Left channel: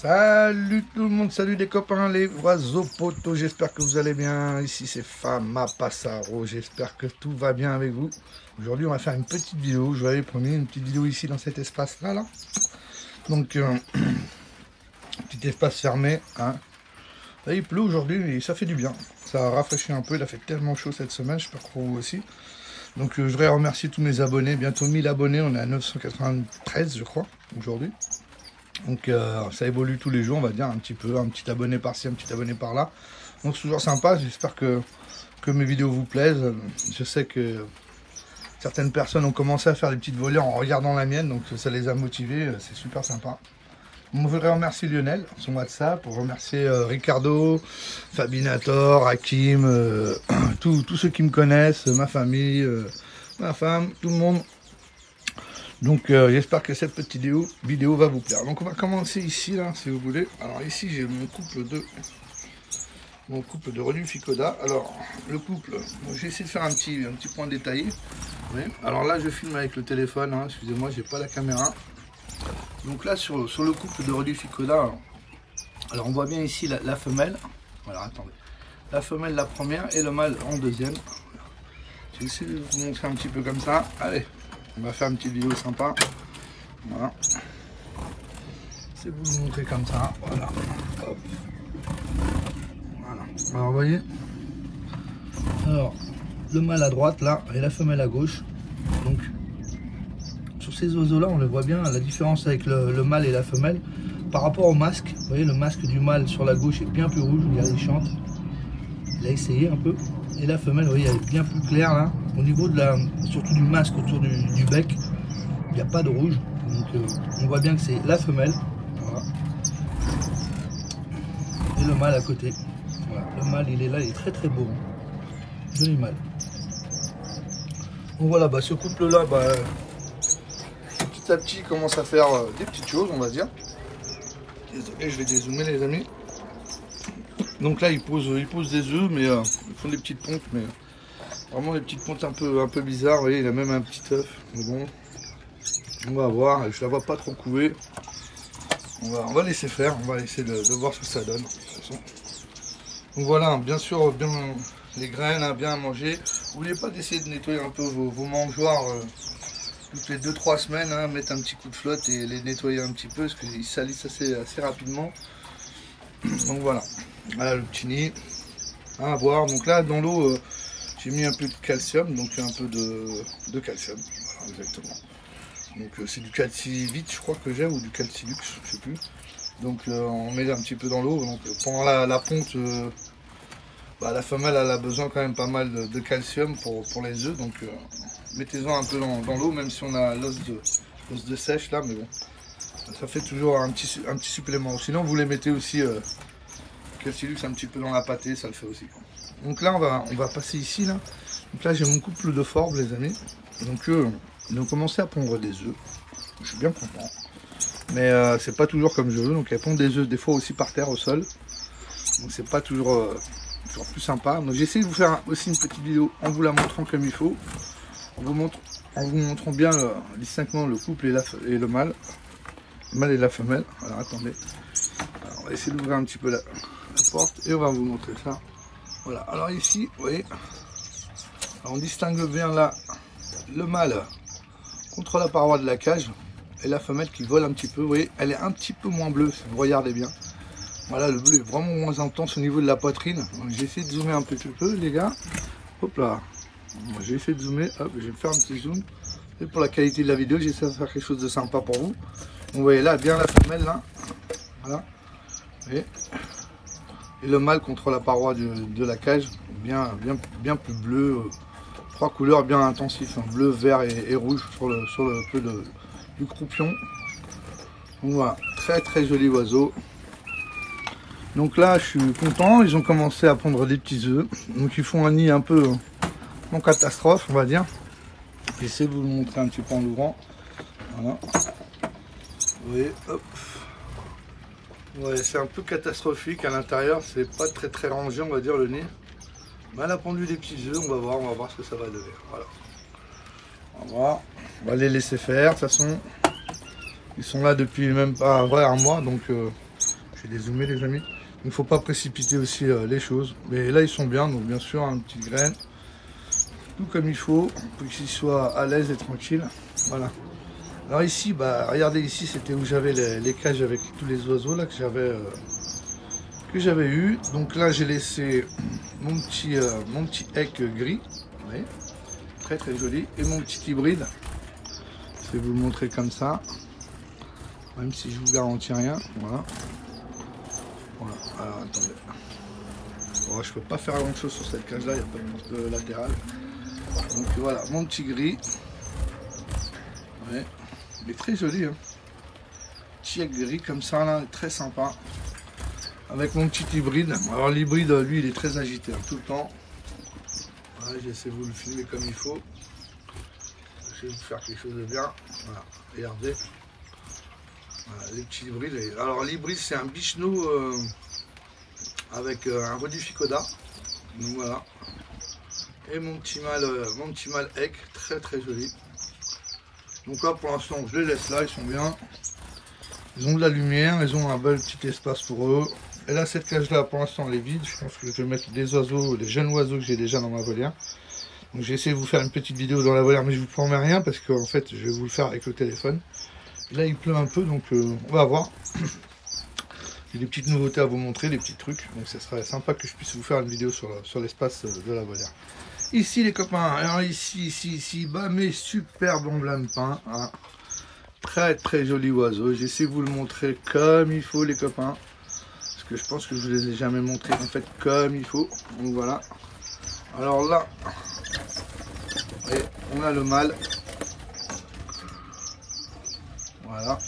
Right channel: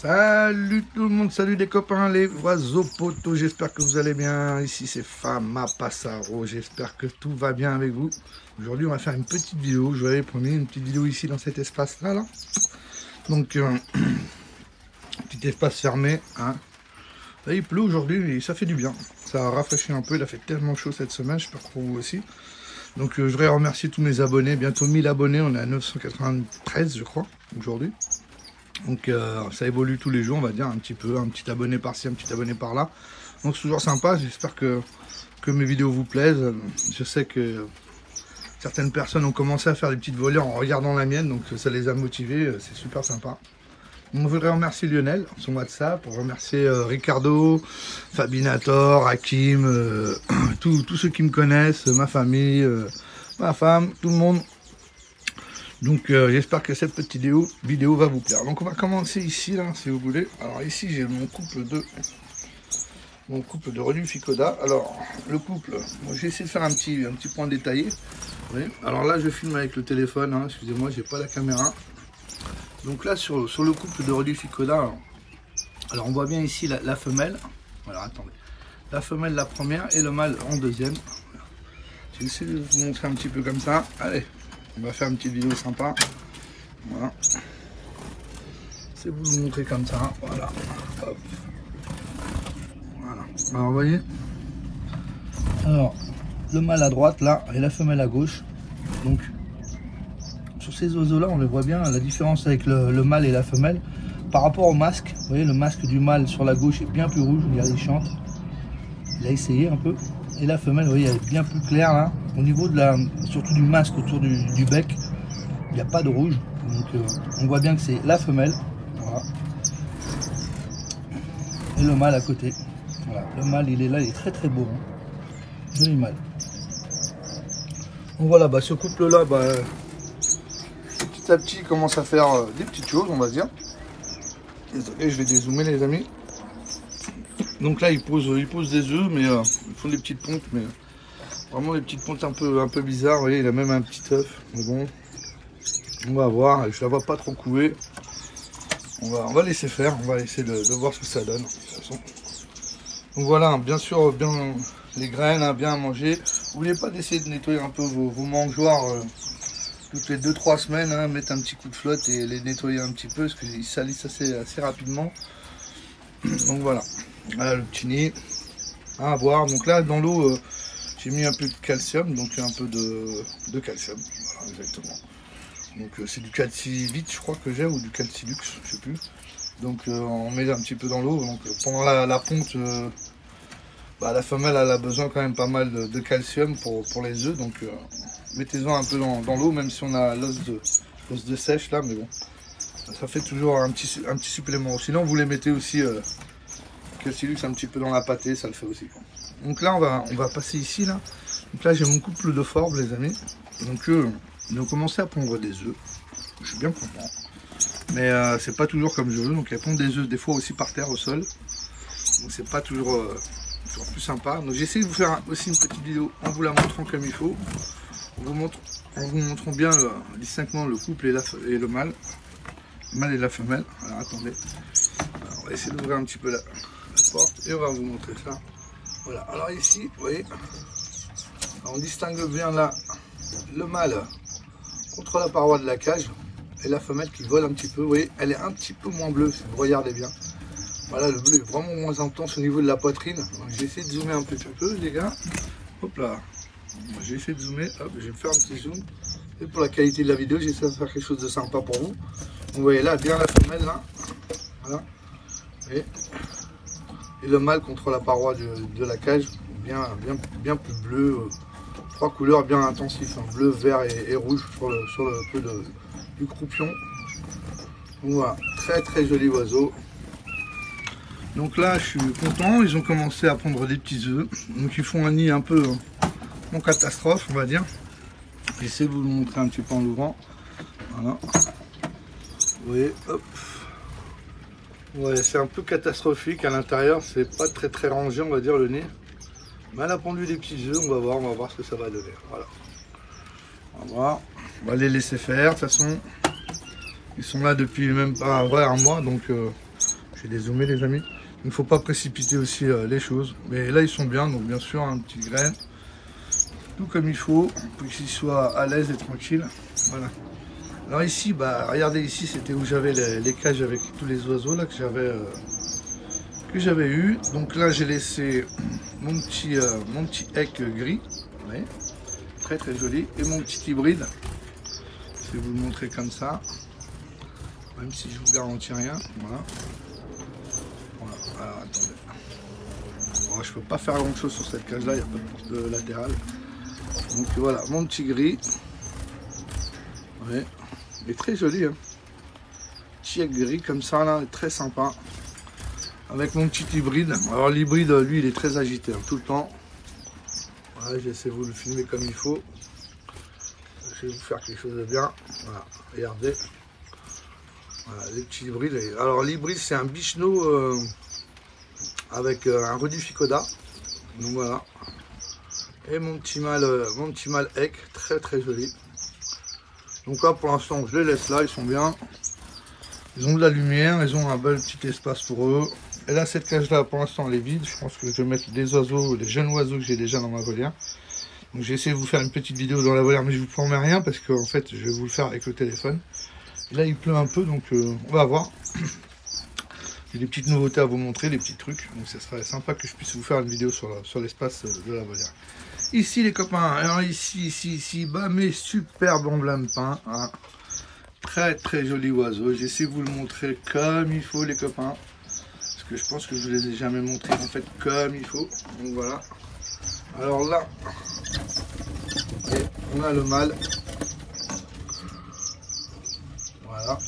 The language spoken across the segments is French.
Salut tout le monde, salut les copains, les oiseaux potos, j'espère que vous allez bien. Ici c'est Fama Passaro, j'espère que tout va bien avec vous. Aujourd'hui on va faire une petite vidéo, je vous avais promis une petite vidéo ici dans cet espace là. Donc petit espace fermé, hein. Là, il pleut aujourd'hui et ça fait du bien, ça a rafraîchi un peu, il a fait tellement chaud cette semaine, j'espère pour vous aussi. Donc je voudrais remercier tous mes abonnés, bientôt 1000 abonnés, on est à 993 je crois aujourd'hui. Donc ça évolue tous les jours, on va dire, un petit peu, un petit abonné par-ci, un petit abonné par-là. Donc c'est toujours sympa, j'espère que mes vidéos vous plaisent. Je sais que certaines personnes ont commencé à faire des petites volées en regardant la mienne, donc ça les a motivés, c'est super sympa. On voudrait remercier Lionel, son WhatsApp, pour remercier Ricardo, Fabinator, Hakim, tous ceux qui me connaissent, ma famille, ma femme, tout le monde. Donc j'espère que cette petite vidéo va vous plaire. Donc on va commencer ici là, si vous voulez. Alors ici j'ai mon couple de Renu Ficoda. Alors le couple, j'ai essayé de faire un petit point détaillé. Oui. Alors là je filme avec le téléphone, hein, excusez-moi, j'ai pas la caméra. Donc là sur le couple de Renu Ficoda, alors on voit bien ici la femelle. Voilà, attendez. La femelle la première et le mâle en deuxième. J'ai essayé de vous montrer un petit peu comme ça. Allez. On va faire une petite vidéo sympa. Voilà. C'est vous le montrer comme ça. Voilà. Alors vous voyez. Alors le mâle à droite là et la femelle à gauche. Donc sur ces oiseaux là on les voit bien. La différence avec le mâle et la femelle par rapport au masque. Vous voyez le masque du mâle sur la gauche est bien plus rouge. Il a chante. Il a essayé un peu. Et la femelle, vous voyez, elle est bien plus claire là. Au niveau de surtout du masque autour du bec, il n'y a pas de rouge. Donc on voit bien que c'est la femelle. Voilà. Et le mâle à côté. Voilà. Le mâle il est là, il est très très beau. Joli mâle. Donc voilà, ce couple là, petit à petit il commence à faire des petites choses, on va dire. Désolé, je vais dézoomer les amis. Donc là ils posent des œufs, mais ils font des petites pontes, mais vraiment des petites pontes un peu bizarres. Vous voyez, il a même un petit œuf. Mais bon, on va voir. Je la vois pas trop couver. On va laisser faire. On va essayer de voir ce que ça donne. De toute façon. Donc voilà, bien sûr, bien les graines, hein, bien à manger. N'oubliez pas d'essayer de nettoyer un peu vos mangeoires toutes les 2-3 semaines. Hein, mettre un petit coup de flotte et les nettoyer un petit peu parce qu'ils salissent assez rapidement. Donc voilà. Voilà le petit nid à boire. Donc là dans l'eau j'ai mis un peu de calcium, donc un peu de calcium. Voilà, exactement. Donc c'est du calcivite je crois que j'ai, ou du calcilux, je sais plus. Donc on met un petit peu dans l'eau. Donc pendant la ponte, la femelle elle a besoin quand même pas mal de calcium pour les œufs. Donc mettez-en un peu dans l'eau, même si on a l'os de sèche là, mais bon. Ça fait toujours un petit supplément. Sinon vous les mettez aussi calcilux un petit peu dans la pâtée, ça le fait aussi quoi. Donc là on va passer ici là. Donc là j'ai mon couple de forbes les amis. Donc ils ont commencé à pondre des œufs. Je suis bien content. Mais c'est pas toujours comme je veux. Donc elles pondent des œufs des fois aussi par terre au sol. Donc c'est pas toujours plus sympa. Donc j'essaie de vous faire aussi une petite vidéo en vous la montrant comme il faut. En vous montrant bien distinctement le couple et le mâle. Le mâle et la femelle. Alors attendez. Alors, on va essayer d'ouvrir un petit peu la porte et on va vous montrer ça. Voilà, alors ici, vous voyez, on distingue bien là le mâle contre la paroi de la cage et la femelle qui vole un petit peu. Vous voyez, elle est un petit peu moins bleue si vous regardez bien. Voilà, le bleu est vraiment moins intense au niveau de la poitrine. J'ai essayé de zoomer un petit peu, les gars. Hop là, j'ai essayé de zoomer. Hop, je vais faire un petit zoom. Et pour la qualité de la vidéo, j'essaie de faire quelque chose de sympa pour vous. Vous voyez là, bien la femelle là. Voilà. Vous voyez. Et le mâle contre la paroi de la cage, bien plus bleu, 3 couleurs bien intensives, hein, bleu, vert et rouge sur le peu du croupion. Donc voilà, très très joli oiseau. Donc là je suis content, ils ont commencé à pondre des petits œufs, donc ils font un nid un peu en catastrophe on va dire. J'essaie de vous le montrer un petit peu en l'ouvrant. Voilà. Vous voyez, hop. Ouais, c'est un peu catastrophique à l'intérieur, c'est pas très rangé on va dire le nez. Mais elle a pondu des petits œufs, on va voir ce que ça va donner. Voilà. On va les laisser faire, de toute façon. Ils sont là depuis même pas un mois, donc Je vais dézoomer les amis. Il ne faut pas précipiter aussi les choses. Mais là ils sont bien, donc bien sûr un petit grain. Tout comme il faut, pour qu'ils soient à l'aise et tranquilles. Voilà. Alors ici, bah regardez ici, c'était où j'avais les cages avec tous les oiseaux là que j'avais eu. Donc là j'ai laissé mon petit hec gris. Vous voyez, très très joli. Et mon petit hybride. Je vais vous le montrer comme ça. Même si je vous garantis rien. Voilà. Voilà. Alors attendez. Bon, je peux pas faire grand chose sur cette cage là, il n'y a pas de porte latérale. Donc voilà, mon petit gris. Ouais. Il est très joli. Hein. Petit hec gris comme ça là, très sympa. Avec mon petit hybride. Alors l'hybride, lui, il est très agité hein, tout le temps. Voilà, j'essaie de vous le filmer comme il faut. J'essaie de vous faire quelque chose de bien. Voilà, regardez. Voilà, les petits hybrides. Alors l'hybride, c'est un bicheno avec un redificoda. Donc voilà. Et mon petit mâle hec, très très joli. Donc là pour l'instant je les laisse là, ils sont bien. Ils ont de la lumière, ils ont un bel petit espace pour eux. Et là cette cage là pour l'instant elle est vide. Je pense que je vais mettre des oiseaux, les jeunes oiseaux que j'ai déjà dans ma volière. Donc j'ai essayé de vous faire une petite vidéo dans la volière, mais je vous promets rien parce qu'en fait je vais vous le faire avec le téléphone. Et là il pleut un peu donc on va voir. J'ai des petites nouveautés à vous montrer, des petits trucs. Donc ça serait sympa que je puisse vous faire une vidéo sur l'espace de la volière. Ici les copains, alors ici, bah mes superbes emblèmes peints, hein. Très très joli oiseau. J'essaie de vous le montrer comme il faut les copains, parce que je pense que je vous les ai jamais montrés en fait comme il faut. Donc voilà. Alors là, on a le mâle. Voilà.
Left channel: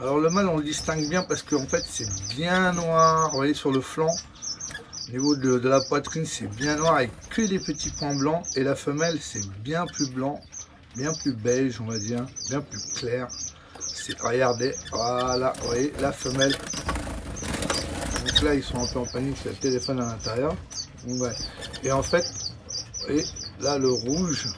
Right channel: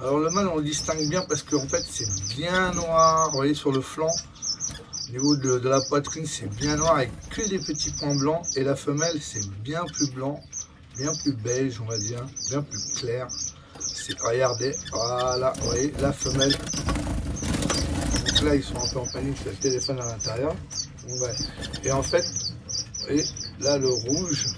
Alors le mâle on le distingue bien parce qu'en fait c'est bien noir, vous voyez sur le flanc. Au niveau de la poitrine, c'est bien noir avec que des petits points blancs. Et la femelle, c'est bien plus blanc, bien plus beige, on va dire, bien plus clair. C'est regardez, voilà, vous voyez, la femelle. Donc là, ils sont un peu en panique, c'est le téléphone à l'intérieur. Ouais. Et en fait, vous voyez, là, le rouge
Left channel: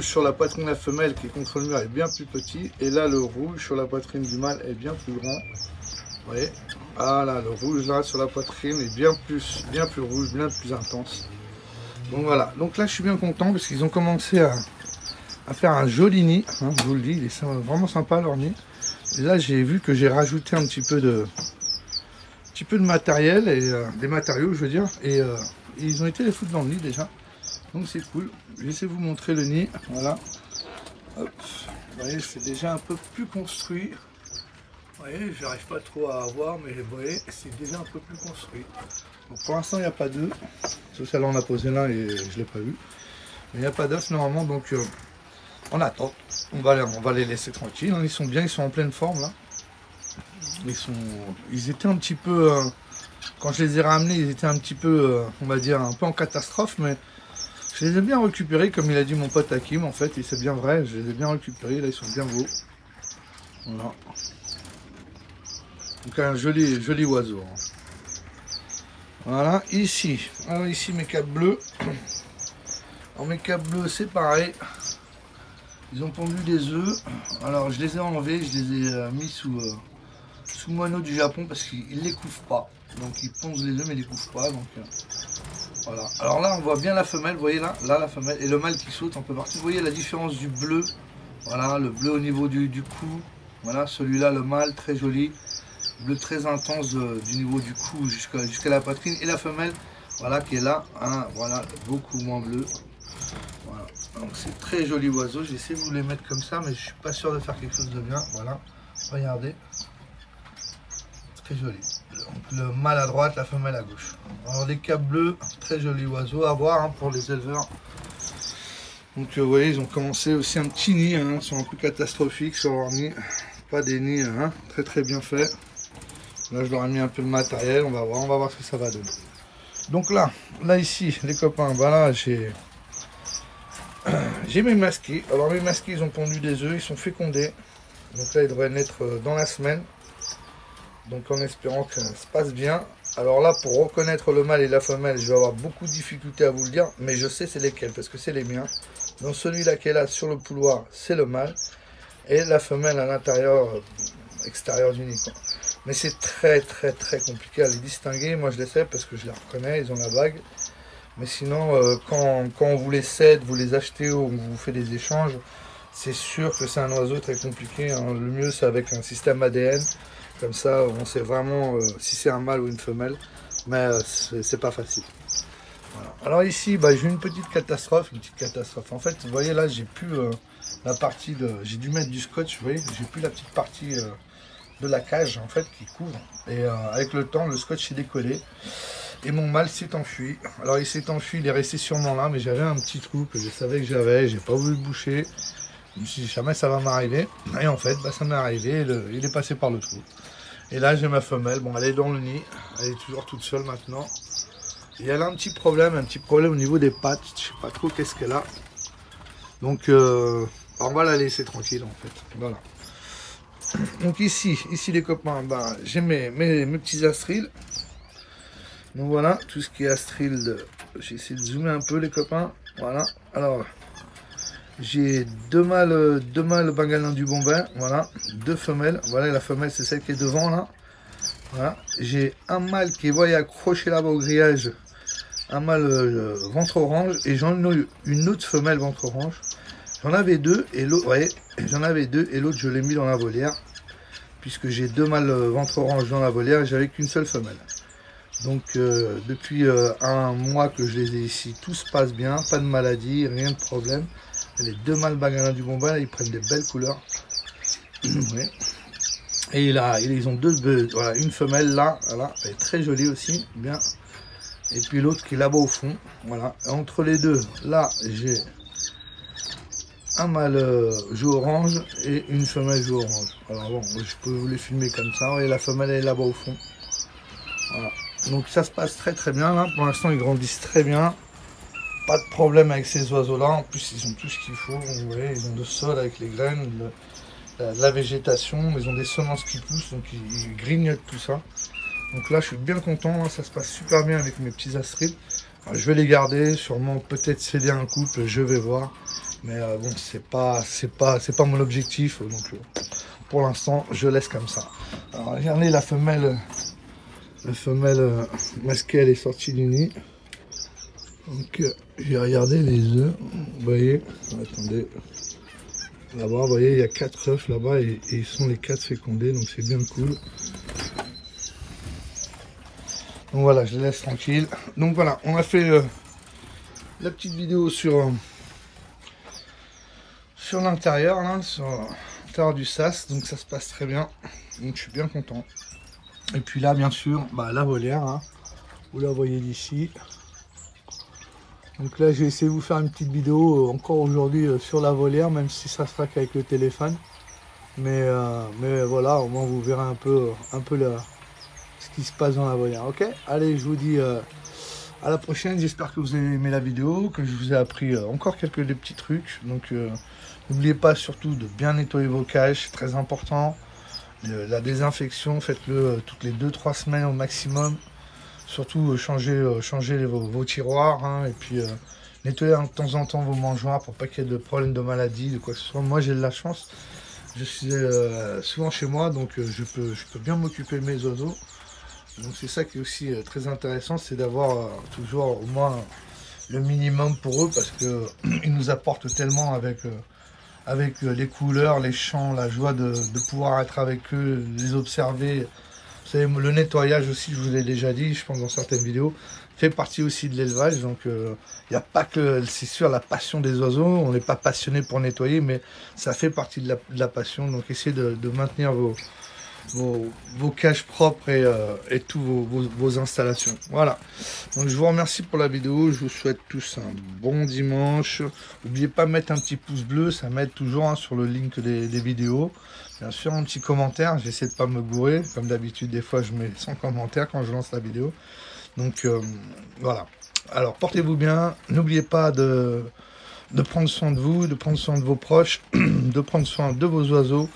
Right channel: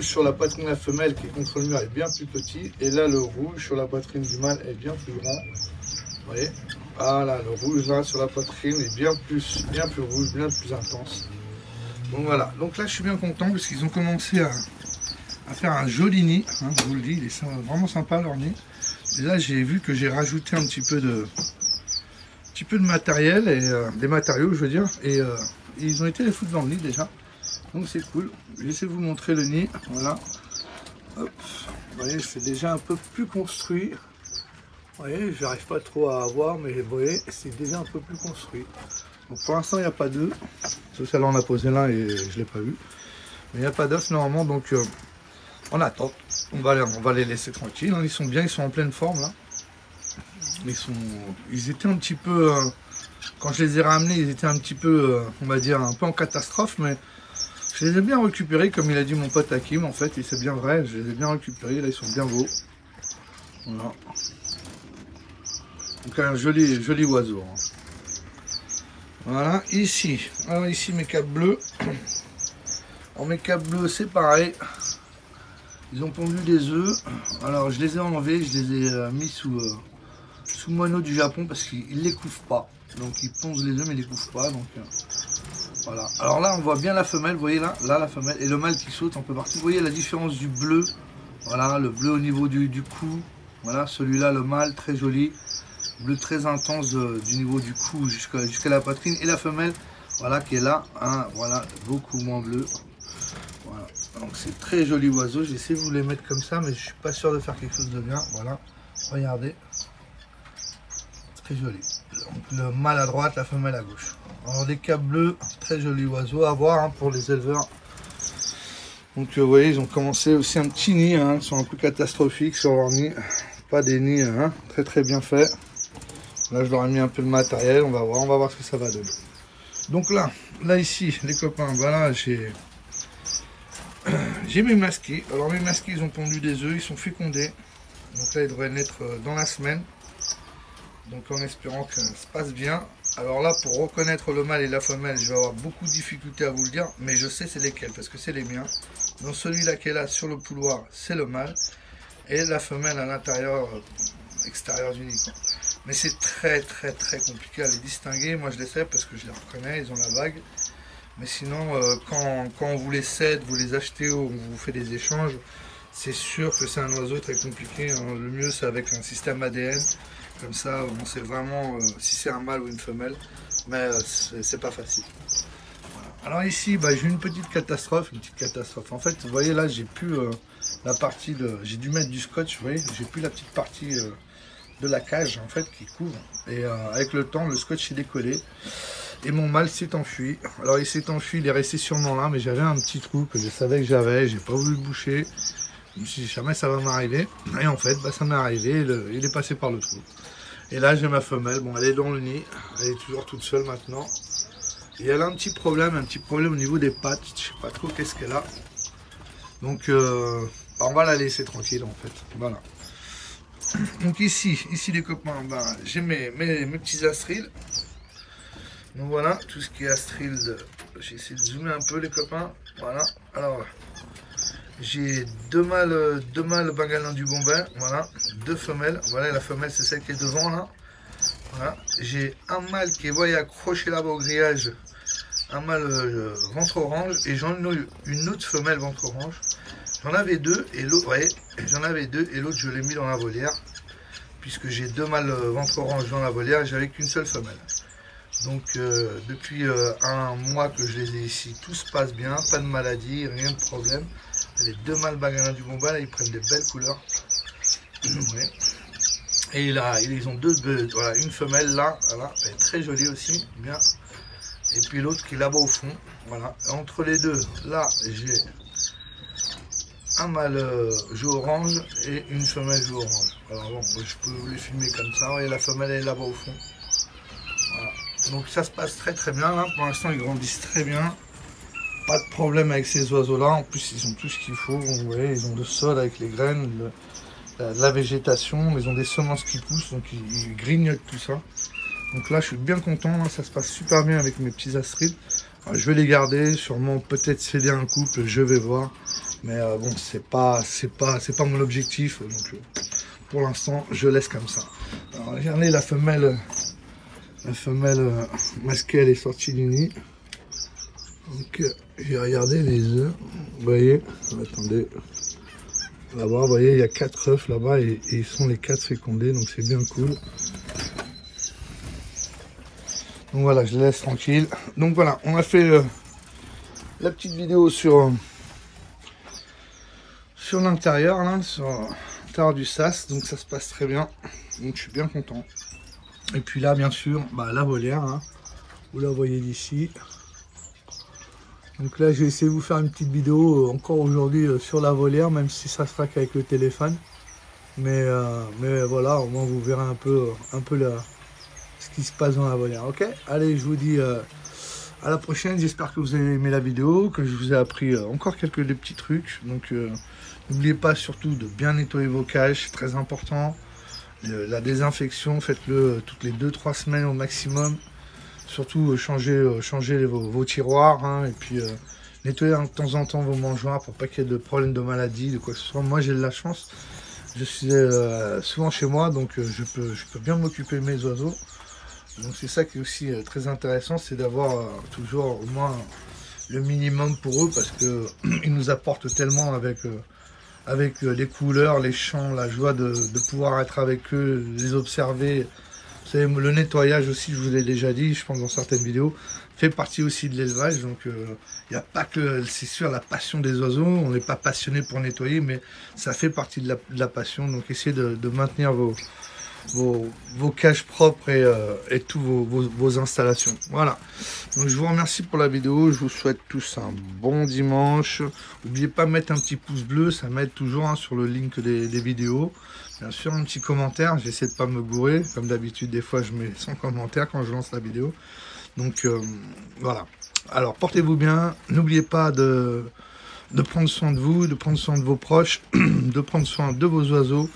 sur la poitrine de la femelle qui est contre le mur est bien plus petit. Et là, le rouge sur la poitrine du mâle est bien plus grand. Vous voyez, ah là, le rouge là sur la poitrine est bien plus rouge, bien plus intense. Donc voilà, donc là je suis bien content parce qu'ils ont commencé à faire un joli nid, hein, je vous le dis, il est vraiment sympa leur nid. Et là j'ai vu que j'ai rajouté un petit peu de matériel et des matériaux je veux dire, et ils ont été les foutre dans le nid déjà. Donc c'est cool. J'essaie de vous montrer le nid, voilà. Hop, vous voyez, c'est déjà un peu plus construit. Vous voyez, j'arrive pas trop à voir, mais vous voyez, c'est déjà un peu plus construit. Donc pour l'instant, il n'y a pas d'œufs. Sauf que là, on a posé l'un et je ne l'ai pas vu. Mais il n'y a pas d'œufs normalement, donc on attend. On va les laisser tranquilles. Hein. Ils sont bien, ils sont en pleine forme là. Ils étaient un petit peu, quand je les ai ramenés, ils étaient un petit peu, on va dire, un peu en catastrophe, mais je les ai bien récupérés, comme il a dit mon pote Hakim, en fait, et c'est bien vrai, je les ai bien récupérés, là ils sont bien beaux. Voilà. Donc un joli oiseau. Hein. Voilà, ici. Alors ici mes câbles bleus. Alors mes câbles bleus c'est pareil. Ils ont pondu des œufs. Alors je les ai enlevés, je les ai mis sous moineau du Japon parce qu'ils ne les couvrent pas. Donc ils pondent les œufs mais ils ne les couvrent pas. Donc voilà. Alors là on voit bien la femelle, vous voyez là la femelle et le mâle qui saute un peu partout. Vous voyez la différence du bleu. Voilà, le bleu au niveau du cou. Voilà, celui-là le mâle très joli. Bleu très intense du niveau du cou jusqu'à la poitrine, et la femelle voilà qui est là, hein, voilà, beaucoup moins bleu. Voilà, donc c'est très joli oiseau. J'essaie de vous les mettre comme ça mais je suis pas sûr de faire quelque chose de bien. Voilà, regardez, très joli. Donc, le mâle à droite, la femelle à gauche. Alors des câbles bleus, très joli oiseau à voir hein, pour les éleveurs. Donc vous voyez, ils ont commencé aussi un petit nid, hein, ils sont un peu catastrophiques sur leur nid, pas des nids hein, très très bien faits. Là je leur ai mis un peu de matériel, on va voir ce que ça va donner. Donc là ici les copains, voilà j'ai mes masqués. Alors mes masqués ils ont pondu des œufs, ils sont fécondés. Donc là ils devraient naître dans la semaine. Donc en espérant que ça se passe bien. Alors là pour reconnaître le mâle et la femelle, je vais avoir beaucoup de difficultés à vous le dire. Mais je sais c'est lesquels parce que c'est les miens. Donc celui-là qui est là sur le pouloir c'est le mâle. Et la femelle à l'intérieur, extérieur du nid. Mais c'est très compliqué à les distinguer. Moi je les sais parce que je les reconnais, ils ont la bague. Mais sinon, quand on vous les cède, vous les achetez ou on vous fait des échanges, c'est sûr que c'est un oiseau très compliqué. Hein. Le mieux c'est avec un système ADN. Comme ça, on sait vraiment si c'est un mâle ou une femelle. Mais c'est pas facile. Voilà. Alors ici, bah, j'ai une petite catastrophe. En fait, vous voyez là, j'ai plus la partie de... J'ai dû mettre du scotch, vous voyez. J'ai plus la petite partie de la cage, en fait, qui couvre. Et avec le temps, le scotch s'est décollé. Et mon mâle s'est enfui. Alors il s'est enfui, il est resté sûrement là, mais j'avais un petit trou que je savais que j'avais, j'ai pas voulu le boucher. Je me suis dit jamais ça va m'arriver. Et en fait, bah, ça m'est arrivé, il est passé par le trou. Et là j'ai ma femelle, bon elle est dans le nid, elle est toujours toute seule maintenant. Et elle a un petit problème au niveau des pattes, je sais pas trop qu'est-ce qu'elle a. Donc on va la laisser tranquille en fait, voilà. Donc ici les copains, bah, j'ai mes petits astrils. Donc voilà, tout ce qui est astril, j'ai essayé de zoomer un peu les copains, voilà. Alors j'ai deux mâles Bengalin du Bombay, voilà, 2 femelles, voilà la femelle c'est celle qui est devant là, voilà. J'ai un mâle qui est voyez accroché là-bas au grillage, un mâle ventre orange, et j'en ai une autre femelle ventre orange, j'en avais 2, et l'autre, ouais, j'en avais 2, et l'autre je l'ai mis dans la volière, puisque j'ai 2 mâles ventre orange dans la volière, j'avais qu'une seule femelle. Donc depuis un mois que je les ai ici, tout se passe bien, pas de maladie, rien de problème. Les 2 mâles Bengalin du Bombay, ils prennent des belles couleurs. Ouais. Et là, ils ont voilà, une femelle là, voilà, elle est très jolie aussi, bien. Et puis l'autre qui est là-bas au fond, voilà. Et entre les deux, là, j'ai un mâle jaune orange et une femelle jaune orange. Alors bon, je peux vous les filmer comme ça, et la femelle elle est là-bas au fond. Voilà. Donc ça se passe très bien, hein. Pour l'instant ils grandissent très bien, pas de problème avec ces oiseaux là, en plus ils ont tout ce qu'il faut, vous voyez, ils ont le sol avec les graines, la végétation, ils ont des semences qui poussent, donc ils grignotent tout ça. Donc là je suis bien content, hein. Ça se passe super bien avec mes petits astrides. Alors, je vais les garder, sûrement peut-être céder un couple, je vais voir, mais bon c'est pas mon objectif, donc pour l'instant je laisse comme ça. Alors regardez la femelle. La femelle masquée, elle est sortie du nid. Donc, j'ai regardé les œufs. Vous voyez, attendez. Là-bas, vous voyez, il y a 4 œufs là-bas et ils sont les 4 fécondés. Donc, c'est bien cool. Donc, voilà, je les laisse tranquilles. Donc, voilà, on a fait la petite vidéo sur l'intérieur, là, sur l'intérieur du sas. Donc, ça se passe très bien. Donc, je suis bien content. Et puis là, bien sûr, bah, la volière, hein, vous la voyez d'ici. Donc là, j'ai essayé de vous faire une petite vidéo encore aujourd'hui sur la volière, même si ça sera qu'avec le téléphone. Mais voilà, au moins vous verrez un peu ce qui se passe dans la volière. Ok, allez, je vous dis à la prochaine. J'espère que vous avez aimé la vidéo, que je vous ai appris encore des petits trucs. Donc n'oubliez pas surtout de bien nettoyer vos cages, c'est très important. La désinfection, faites-le toutes les 2-3 semaines au maximum. Surtout changez vos tiroirs, hein, et puis nettoyez de temps en temps vos mangeoires pour pas qu'il y ait de problèmes de maladie, de quoi que ce soit. Moi j'ai de la chance, je suis souvent chez moi, donc je peux bien m'occuper de mes oiseaux. Donc c'est ça qui est aussi très intéressant, c'est d'avoir toujours au moins le minimum pour eux, parce que ils nous apportent tellement avec les couleurs, les chants, la joie de pouvoir être avec eux, les observer. Vous savez, le nettoyage aussi, je vous l'ai déjà dit, je pense dans certaines vidéos, fait partie aussi de l'élevage. Donc il n'y a pas que, c'est sûr, la passion des oiseaux, on n'est pas passionné pour nettoyer, mais ça fait partie de la passion. Donc essayez de maintenir vos cages propres et tous vos installations. Voilà, donc je vous remercie pour la vidéo, je vous souhaite tous un bon dimanche. N'oubliez pas de mettre un petit pouce bleu, ça m'aide toujours, hein, sur le link des vidéos. Bien sûr, un petit commentaire, j'essaie de pas me gourer, comme d'habitude des fois je mets 100 commentaires quand je lance la vidéo. Donc voilà, alors portez-vous bien, n'oubliez pas de prendre soin de vous, de prendre soin de vos proches, de prendre soin de vos oiseaux.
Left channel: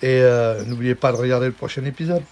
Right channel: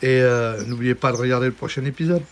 Et n'oubliez pas de regarder le prochain épisode.